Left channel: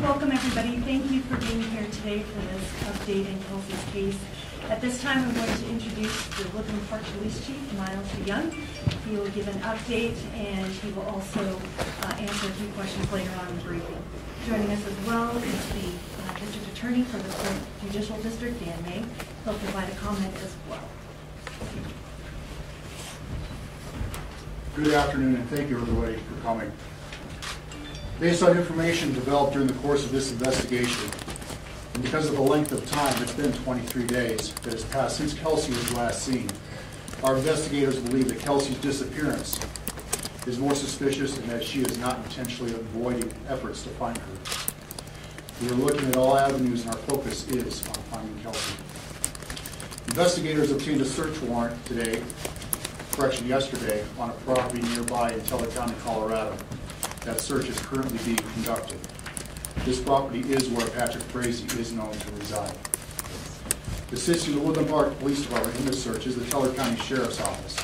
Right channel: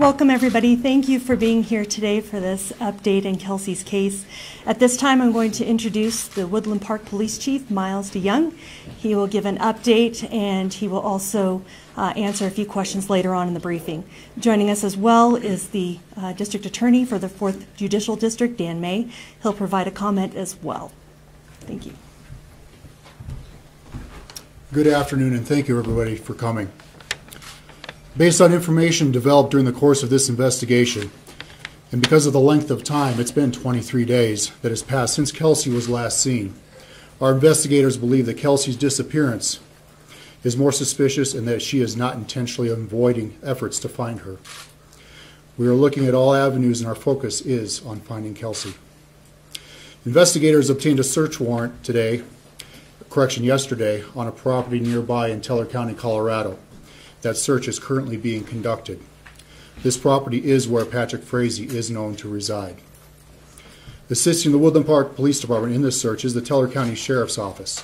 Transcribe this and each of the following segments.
Welcome, everybody. Thank you for being here today for this update in Kelsey's case. At this time, I'm going to introduce the Woodland Park Police Chief, Miles DeYoung. He will give an update, and he will also answer a few questions later on in the briefing. Joining us as well is the District Attorney for the 4th Judicial District, Dan May. He'll provide a comment as well. Thank you. Good afternoon, and thank you, everybody, for coming. Based on information developed during the course of this investigation, and because of the length of time, it's been 23 days that has passed since Kelsey was last seen, our investigators believe that Kelsey's disappearance is more suspicious and that she is not intentionally avoiding efforts to find her. We are looking at all avenues, and our focus is on finding Kelsey. Investigators obtained a search warrant yesterday, on a property nearby in Teller County, Colorado. That search is currently being conducted. This property is where Patrick Frazee is known to reside. Assisting the Woodland Park Police Department in this search is the Teller County Sheriff's Office,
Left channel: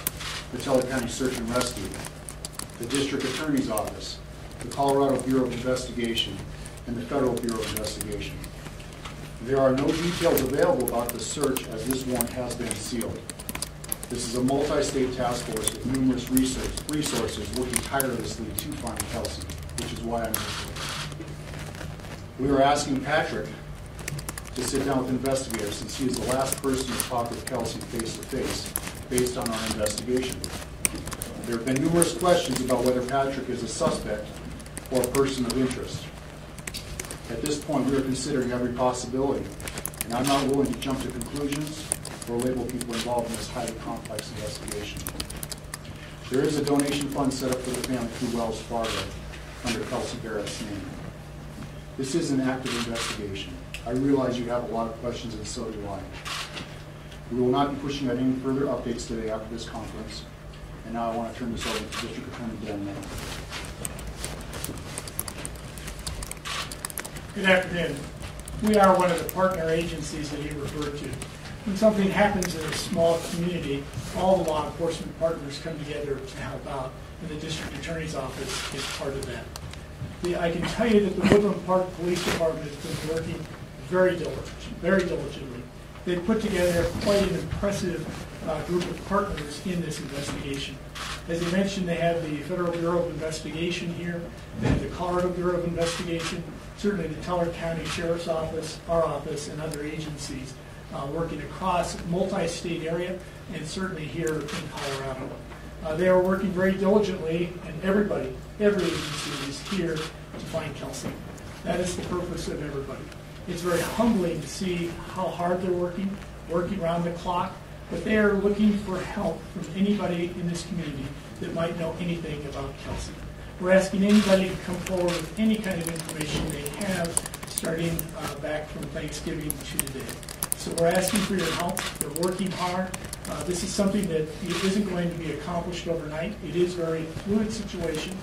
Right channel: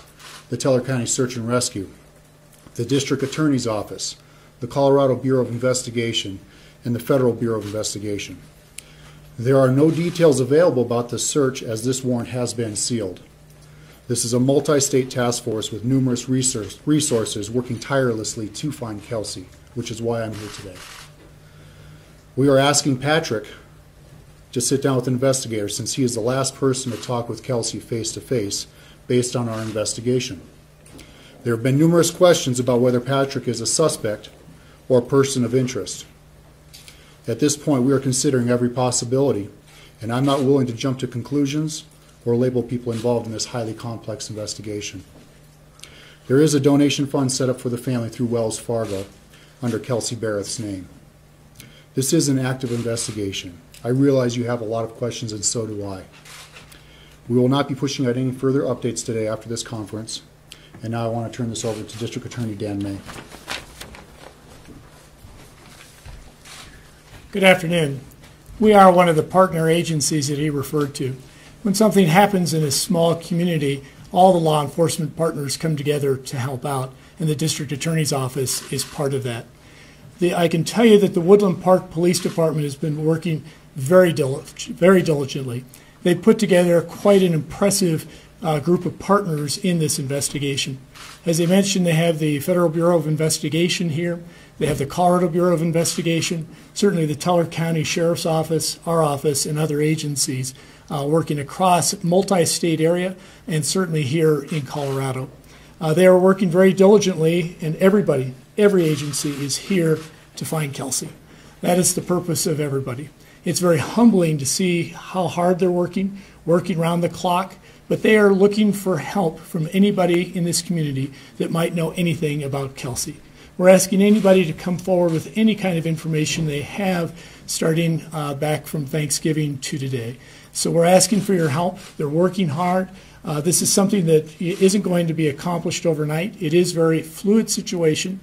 the Teller County Search and Rescue, the District Attorney's Office, the Colorado Bureau of Investigation, and the Federal Bureau of Investigation. There are no details available about the search as this warrant has been sealed. This is a multi-state task force with numerous resources working tirelessly to find Kelsey, which is why I'm here today. We are asking Patrick to sit down with investigators since he is the last person to talk with Kelsey face-to-face based on our investigation. There have been numerous questions about whether Patrick is a suspect or a person of interest. At this point, we are considering every possibility, and I'm not willing to jump to conclusions or label people involved in this highly complex investigation. There is a donation fund set up for the family through Wells Fargo under Kelsey Berreth's name. This is an active investigation. I realize you have a lot of questions, and so do I. We will not be pushing out any further updates today after this conference, and now I want to turn this over to District Attorney Dan May. Good afternoon. We are one of the partner agencies that he referred to. When something happens in a small community, all the law enforcement partners come together to help out, and the District Attorney's Office is part of that. I can tell you that the Woodland Park Police Department has been working very diligently. They've put together quite an impressive group of partners in this investigation. As I mentioned, they have the Federal Bureau of Investigation here. They have the Colorado Bureau of Investigation, certainly the Teller County Sheriff's Office, our office, and other agencies working across multi-state area and certainly here in Colorado. They are working very diligently, and every agency is here to find Kelsey. That is the purpose of everybody. It's very humbling to see how hard they're working around the clock, but they are looking for help from anybody in this community that might know anything about Kelsey. We're asking anybody to come forward with any kind of information they have starting back from Thanksgiving to today. So we're asking for your help. They're working hard. This is something that isn't going to be accomplished overnight. It is a very fluid situation.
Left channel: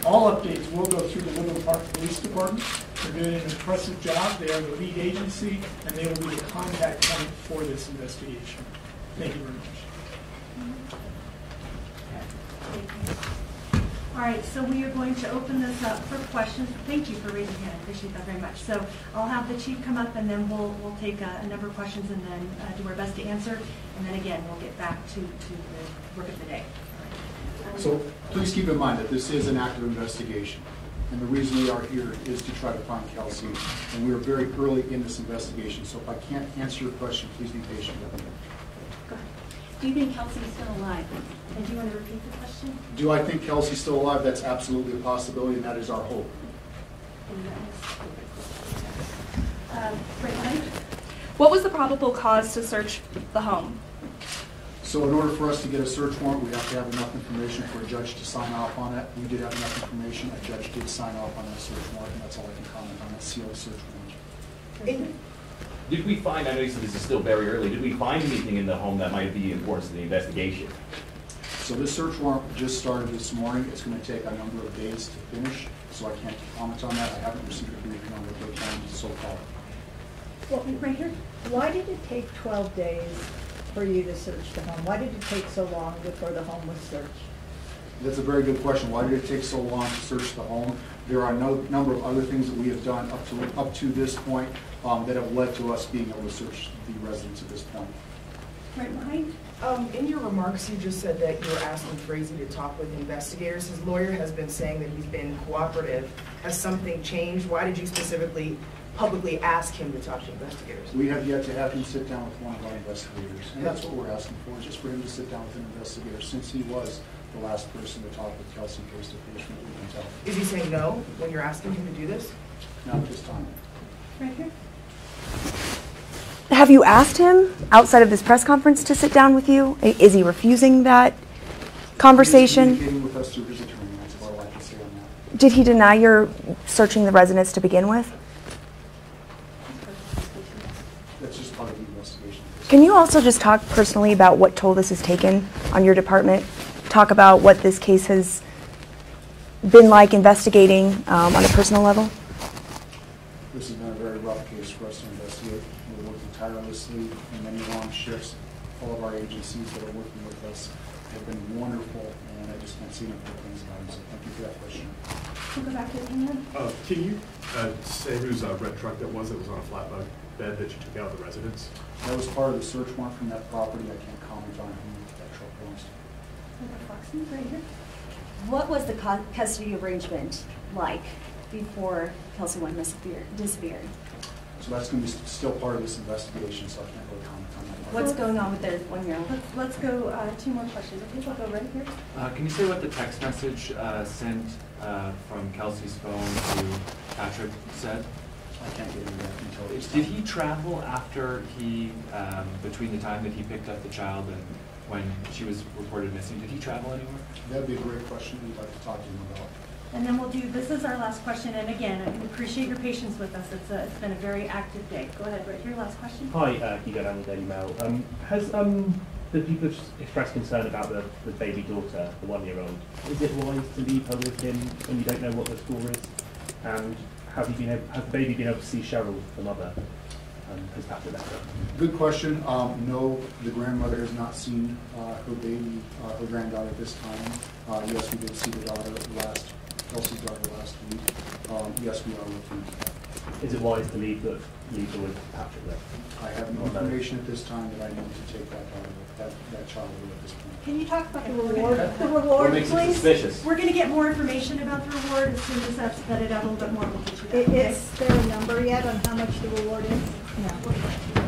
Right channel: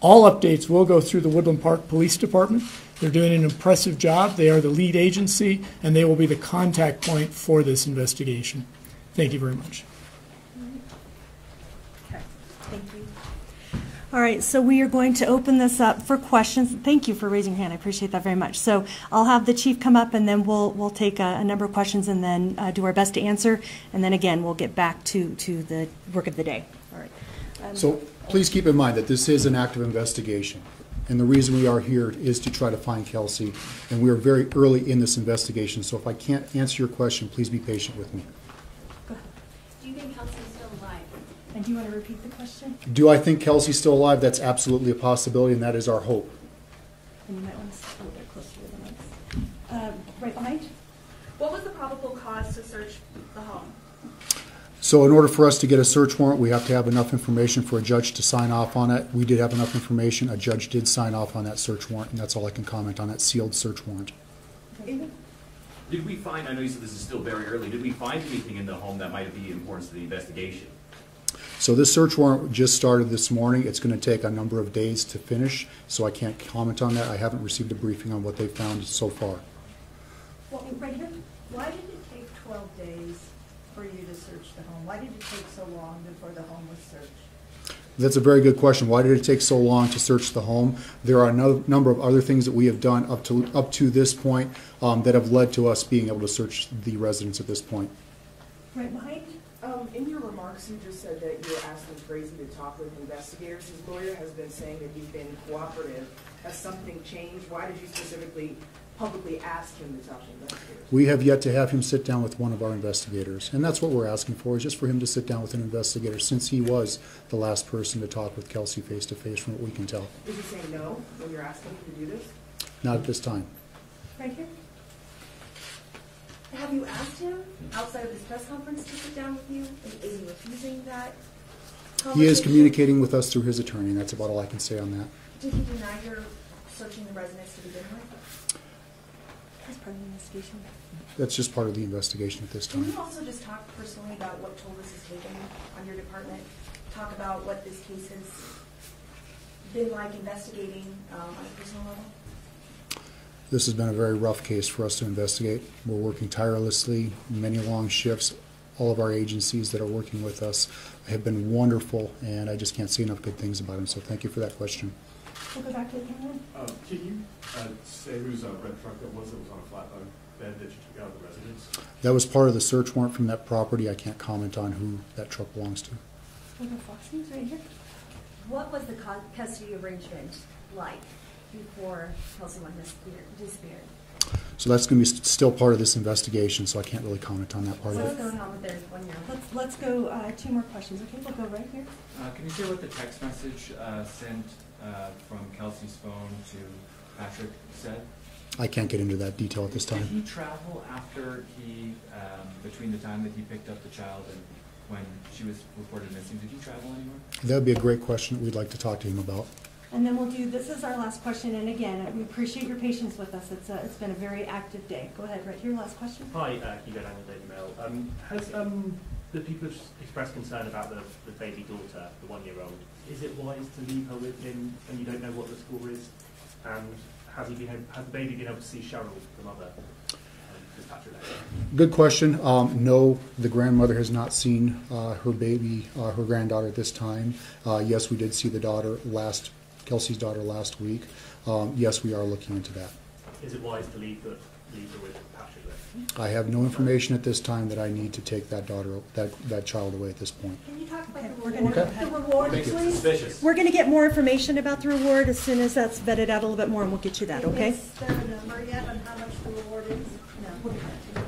All updates will go through the Woodland Park Police Department. They're doing an impressive job. They are the lead agency, and they will be the contact point for this investigation. Thank you very much. All right, so we are going to open this up for questions. Thank you for raising your hand. I appreciate that very much. So I'll have the chief come up, and then we'll take a number of questions and then do our best to answer. And then again, we'll get back to the work of the day. All right. So please keep in mind that this is an active investigation. And the reason we are here is to try to find Kelsey. And we are very early in this investigation. So if I can't answer your question, please be patient with me. Go ahead. Do you think Kelsey's still alive? And do you want to repeat the question? Do I think Kelsey's still alive? That's absolutely a possibility, and that is our hope. Right, Mike? What was the probable cause to search the home? So in order for us to get a search warrant, we have to have enough information for a judge to sign off on it. We did have enough information. A judge did sign off on that search warrant, and that's all I can comment on that sealed search warrant. Did we find, I know you said this is still very early, did we find anything in the home that might be important to the investigation? So this search warrant just started this morning. It's going to take a number of days to finish, so I can't comment on that. I haven't received a briefing on what they've found so far. Well, right here. Why did it take 12 days for you to search the home? Why did it take so long before the home was searched? That's a very good question. Why did it take so long to search the home? There are no number of other things that we have done up to this point that have led to us being able to search the residence at this point. Right, Mike? In your remarks, you just said that you were asking Frazee to talk with investigators. His lawyer has been saying that he's been cooperative. Has something changed? Why did you specifically publicly ask him to talk to investigators? We have yet to have him sit down with one of our investigators, and that's what we're asking for, is just for him to sit down with an investigator, since he was the last person to talk with Kelsey face-to-face, from what we can tell. Is he saying no when you're asking him to do this? Not at this time. Right here? Have you asked him outside of this press conference to sit down with you? Is he refusing that conversation? He is communicating with us through his attorney, and that's about all I can say on that. Did he deny your searching the residence to begin with? That's just part of the investigation at this Can time. you also just talk personally about what toll this has taken on your department? Talk about what this case has been like investigating on a personal level? This has been a very rough case for us to investigate. We're working tirelessly, many long shifts. All of our agencies that are working with us have been wonderful, and I just can't say enough good things about them, so thank you for that question. We'll go back to the Can you say whose red truck that was on a flatbed that you took out of the residence? That was part of the search warrant from that property. I can't comment on who that truck belongs to. right here. What was the custody arrangement like before Kelsey went disappeared? So that's going to be still part of this investigation, so I can't really comment on that part What's of it. going on with their 1-year-old? Let's go 2 more questions. Okay, we'll go right here. Can you say what the text message sent from Kelsey's phone to Patrick said? I can't get into that detail at this Did time. he travel after between the time that he picked up the child and when she was reported missing? Did he travel anywhere? That would be a great question we'd like to talk to him about. And then we'll do, this is our last question, and again, I appreciate your patience with us. It's been a very active day. Go ahead, right here, last question. Hi, Hugo Daniel, Daily Mail. Has the people expressed concern about the baby daughter, the 1-year-old? Is it wise to leave her with him when you don't know what the score is? And has the baby been able to see Cheryl, the mother? Has that been better? Good question. No, the grandmother has not seen her baby, her granddaughter at this time. Yes, we did see the daughter Kelsey's daughter last week. Yes, we are looking into that. Is it wise to leave her with Patrick there? I have no information at this time that I need to take that child away at this point. Can you talk about the reward? The reward, makes it please. suspicious? We're going to get more information about the reward as soon as that's vetted out a little bit more. We'll get you that, okay? Is there a number yet on how much the reward is? No.